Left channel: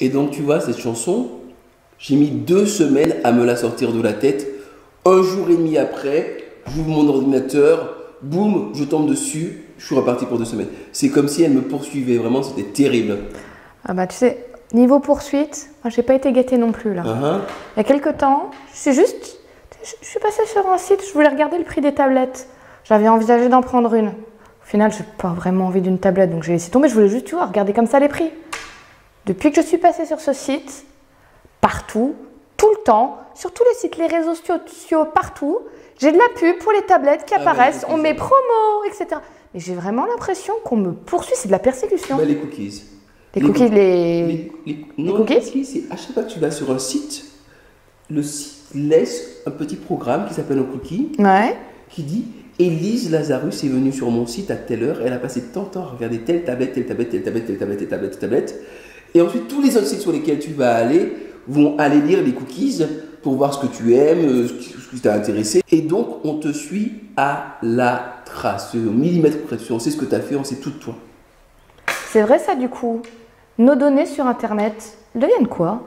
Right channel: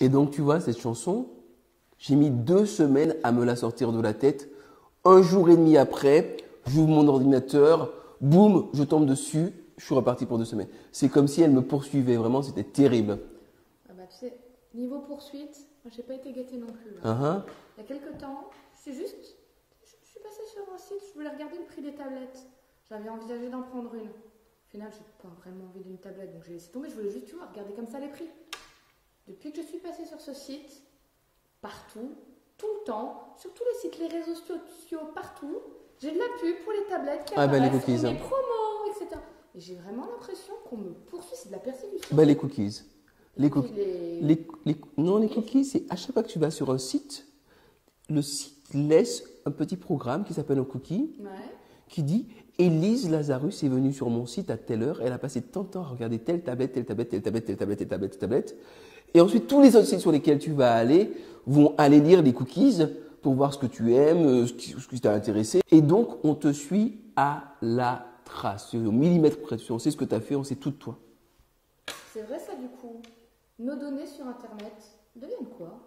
Et donc, tu vois, cette chanson, j'ai mis 2 semaines à me la sortir de la tête. Un jour et demi après, j'ouvre mon ordinateur, boum, je tombe dessus, je suis reparti pour 2 semaines. C'est comme si elle me poursuivait, vraiment, c'était terrible. Ah bah tu sais, niveau poursuite, moi j'ai pas été gâtée non plus là. Hein. Il y a quelques temps, je suis passée sur un site, je voulais regarder le prix des tablettes. J'avais envisagé d'en prendre une. Au final, j'ai pas vraiment envie d'une tablette, donc j'ai laissé tomber. Je voulais juste, tu vois, regarder comme ça les prix. Depuis que je suis passée sur ce site, partout, tout le temps, sur tous les sites, les réseaux sociaux, partout, j'ai de la pub pour les tablettes qui apparaissent, on met promo, etc. Et j'ai vraiment l'impression qu'on me poursuit, c'est de la persécution. Bah, les cookies. Les cookies, Non, cookies les cookies, c'est à chaque fois que tu vas sur un site, le site laisse un petit programme qui s'appelle un cookie, Ouais. qui dit Élise Lazarus est venue sur mon site à telle heure, elle a passé tant de temps à regarder telle tablette, telle tablette, telle tablette, telle tablette, telle tablette, telle tablette. Et ensuite, tous les autres sites sur lesquels tu vas aller vont aller lire les cookies pour voir ce que tu aimes, ce qui t'a intéressé. Et donc, on te suit à la trace, au millimètre près. On sait ce que tu as fait, on sait tout de toi. C'est vrai ça du coup. Nos données sur Internet deviennent quoi?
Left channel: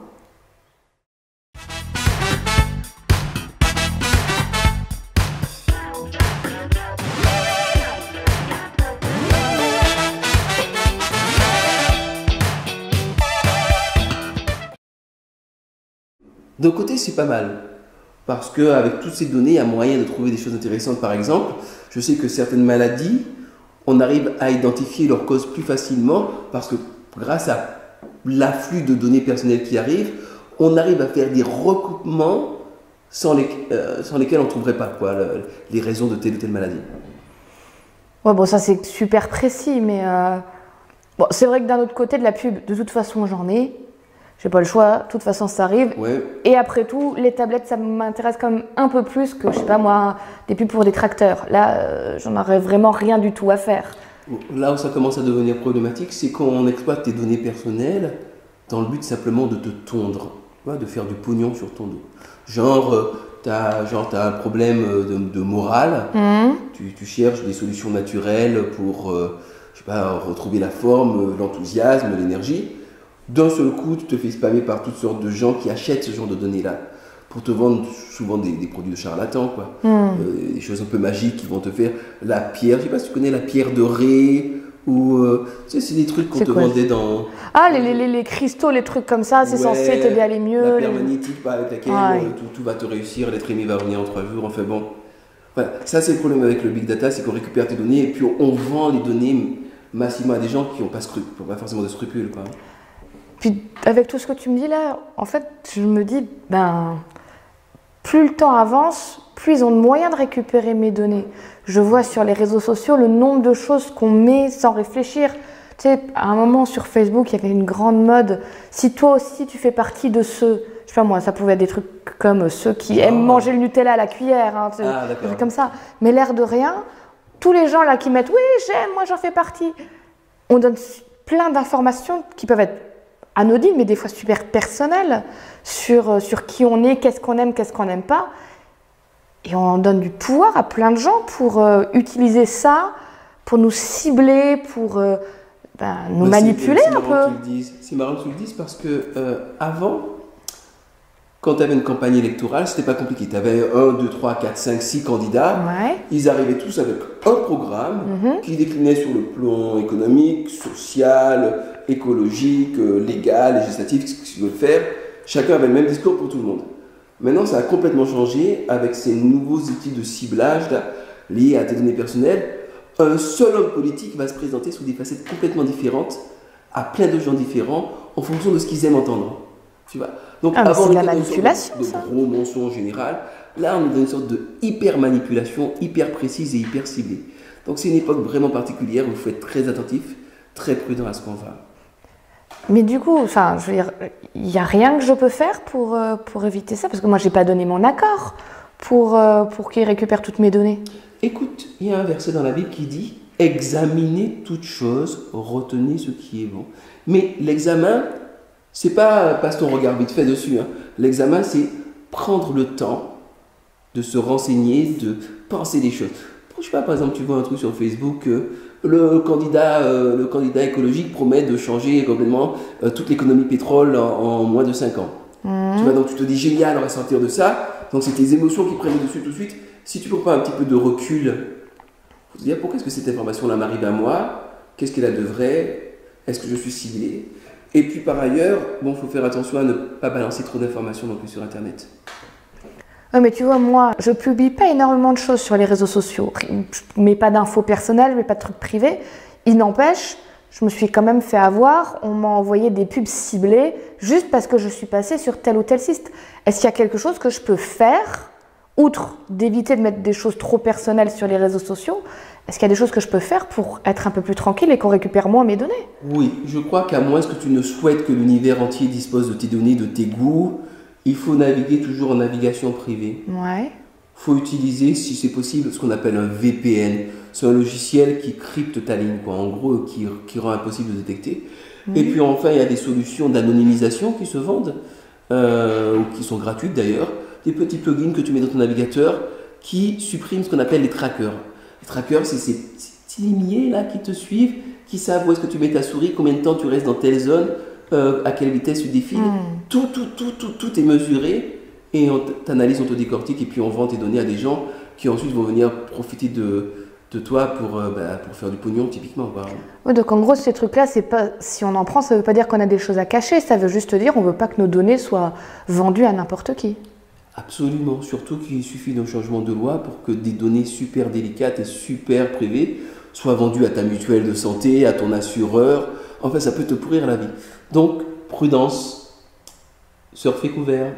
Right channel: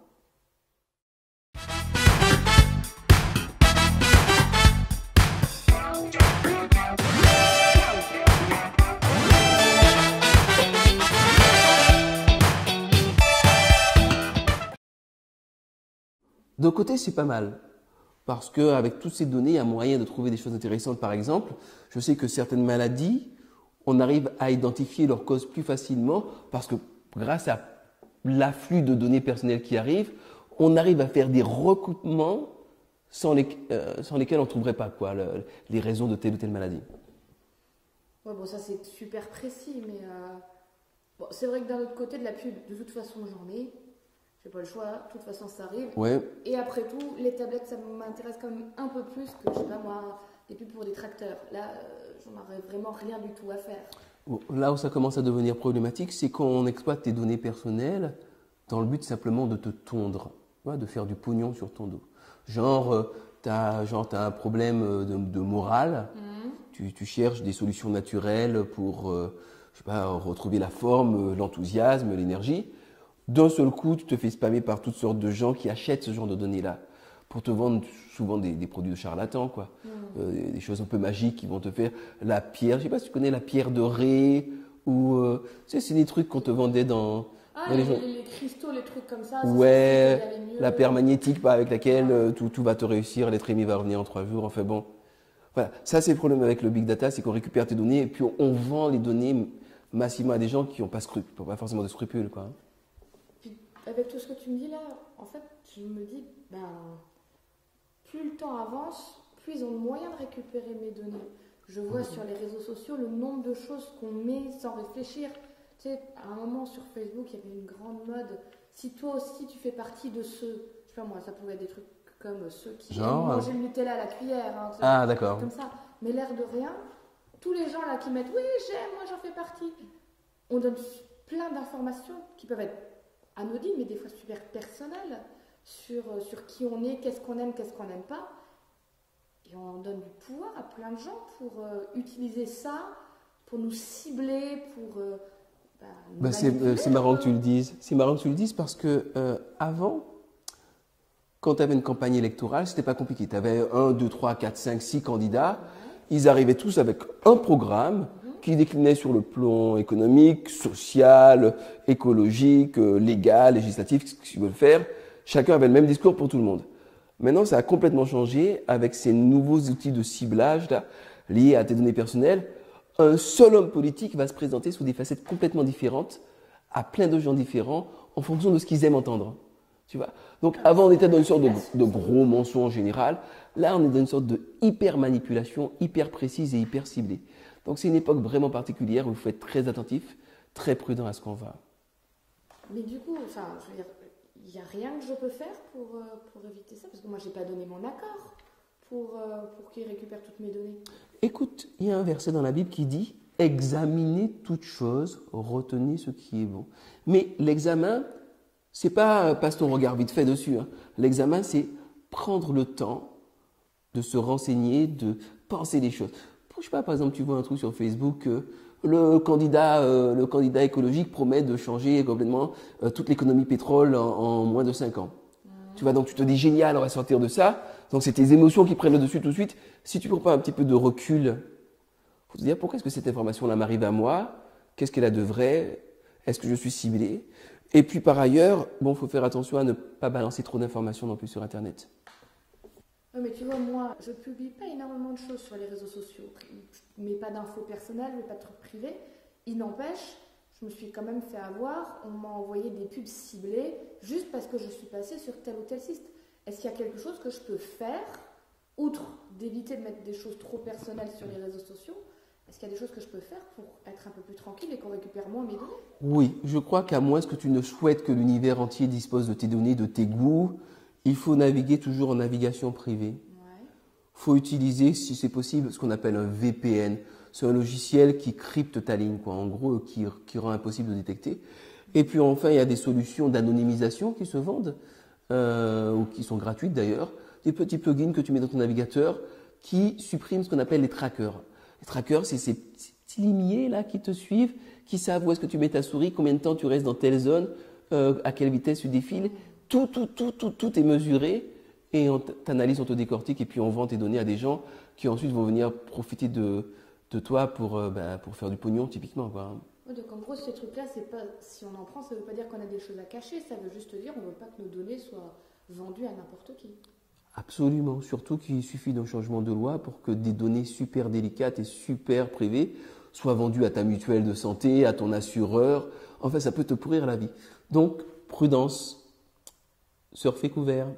D'un côté, c'est pas mal. Parce qu'avec toutes ces données, il y a moyen de trouver des choses intéressantes. Par exemple, je sais que certaines maladies, on arrive à identifier leur cause plus facilement parce que grâce à l'afflux de données personnelles qui arrivent, on arrive à faire des recoupements sans lesquels on ne trouverait pas les raisons de telle ou telle maladie. Ouais, bon, ça c'est super précis, mais bon, c'est vrai que d'un autre côté, de la pub, de toute façon, j'en ai. J'ai pas le choix, de toute façon, ça arrive. Ouais. Et après tout, les tablettes, ça m'intéresse quand même un peu plus que, je sais pas moi, des pubs pour des tracteurs. Là, j'en aurais vraiment rien du tout à faire. Là où ça commence à devenir problématique, c'est quand on exploite tes données personnelles dans le but simplement de te tondre, tu vois, de faire du pognon sur ton dos. Genre, t'as un problème de morale, tu cherches des solutions naturelles pour je sais pas, retrouver la forme, l'enthousiasme, l'énergie. D'un seul coup, tu te fais spammer par toutes sortes de gens qui achètent ce genre de données-là pour te vendre souvent des produits de charlatans, quoi. Des choses un peu magiques qui vont te faire la pierre. Je sais pas si tu connais la pierre de Ré ou tu sais, c'est des trucs qu'on C'est te quoi? vendait dans. Ah, dans les cristaux, les trucs comme ça, c'est Ouais, censé t'aider à aller mieux. la pierre magnétique avec laquelle Ouais. tout va te réussir, l'être aimé va revenir en 3 jours. Enfin bon, voilà. Ça c'est le problème avec le big data, c'est qu'on récupère tes données et puis on vend les données massivement à des gens qui n'ont pas forcément de scrupules, quoi. Puis avec tout ce que tu me dis là, en fait, je me dis, ben, plus le temps avance, plus ils ont de moyens de récupérer mes données. Je vois sur les réseaux sociaux le nombre de choses qu'on met sans réfléchir. Tu sais, à un moment sur Facebook, il y avait une grande mode. Si toi aussi tu fais partie de ceux, je sais pas moi, ça pouvait être des trucs comme ceux qui aiment manger le Nutella à la cuillère, hein, Ah, des d'accord. trucs comme ça. Mais l'air de rien, tous les gens là qui mettent oui, j'aime, moi j'en fais partie. On donne plein d'informations qui peuvent être anodines, mais des fois super personnelles sur qui on est, qu'est-ce qu'on n'aime pas. Et on donne du pouvoir à plein de gens pour utiliser ça, pour nous cibler, pour nous manipuler c'est un marrant que tu peu. le dises. C'est marrant que tu le dises parce que avant, quand tu avais une campagne électorale, c'était pas compliqué. Tu avais 1, 2, 3, 4, 5, 6 candidats. Ouais. Ils arrivaient tous avec un programme qui déclinait sur le plan économique, social, écologique, légal, législatif, ce qu'ils veulent faire. Chacun avait le même discours pour tout le monde. Maintenant, ça a complètement changé avec ces nouveaux outils de ciblage là, liés à tes données personnelles. Un seul homme politique va se présenter sous des facettes complètement différentes à plein de gens différents en fonction de ce qu'ils aiment entendre. Tu vois? Donc Ah, mais avant, c'est on de la était dans une sorte manipulation, de ça. gros mensonge général. Là, on est dans une sorte de hyper manipulation, hyper précise et hyper ciblée. Donc c'est une époque vraiment particulière où il faut être très attentif, très prudent à ce qu'on va. Mais du coup, enfin, je veux dire, il n'y a rien que je peux faire pour éviter ça, parce que moi, j'ai pas donné mon accord pour qu'ils récupèrent toutes mes données. Écoute, il y a un verset dans la Bible qui dit « Examinez toutes choses, retenez ce qui est bon ». Mais l'examen, c'est pas passe ton regard vite fait dessus. Hein. L'examen, c'est prendre le temps de se renseigner, de penser des choses. Je sais pas, par exemple, tu vois un truc sur Facebook, le candidat écologique promet de changer complètement toute l'économie pétrole en moins de 5 ans. Tu vois, donc tu te dis génial, on va sortir de ça. Donc c'est tes émotions qui prennent le dessus tout de suite. Si tu ne prends pas un petit peu de recul, faut te dire pourquoi est-ce que cette information-là m'arrive à moi? Qu'est-ce qu'elle a de vrai? Est-ce que je suis ciblé? Et puis par ailleurs, bon, faut faire attention à ne pas balancer trop d'informations non plus sur Internet. Ouais, mais tu vois, moi, je publie pas énormément de choses sur les réseaux sociaux. Je mets pas d'infos personnelles, je mets pas de trucs privés. Il n'empêche, je me suis quand même fait avoir. On m'a envoyé des pubs ciblées juste parce que je suis passée sur tel ou tel site. Est-ce qu'il y a quelque chose que je peux faire, outre d'éviter de mettre des choses trop personnelles sur les réseaux sociaux? Est-ce qu'il y a des choses que je peux faire pour être un peu plus tranquille et qu'on récupère moins mes données? Oui, je crois qu'à moins que tu ne souhaites que l'univers entier dispose de tes données, de tes goûts, il faut naviguer toujours en navigation privée. Ouais. Il faut utiliser, si c'est possible, ce qu'on appelle un VPN. C'est un logiciel qui crypte ta ligne, quoi. En gros, qui rend impossible de détecter. Et puis enfin, il y a des solutions d'anonymisation qui se vendent, ou qui sont gratuites d'ailleurs. Des petits plugins que tu mets dans ton navigateur qui suppriment ce qu'on appelle les trackers. Les trackers, c'est ces petits limiers là qui te suivent, qui savent où est-ce que tu mets ta souris, combien de temps tu restes dans telle zone, à quelle vitesse tu défiles. Tout est mesuré et on t'analyse, on te décortique et puis on vend tes données à des gens qui ensuite vont venir profiter de toi pour faire du pognon typiquement. Ouais, donc en gros, ces trucs-là, c'est pas, si on en prend, ça ne veut pas dire qu'on a des choses à cacher, ça veut juste dire qu'on ne veut pas que nos données soient vendues à n'importe qui. Absolument, surtout qu'il suffit d'un changement de loi pour que des données super délicates et super privées soient vendues à ta mutuelle de santé, à ton assureur. En fait, ça peut te pourrir la vie. Donc, prudence, surfez couvert.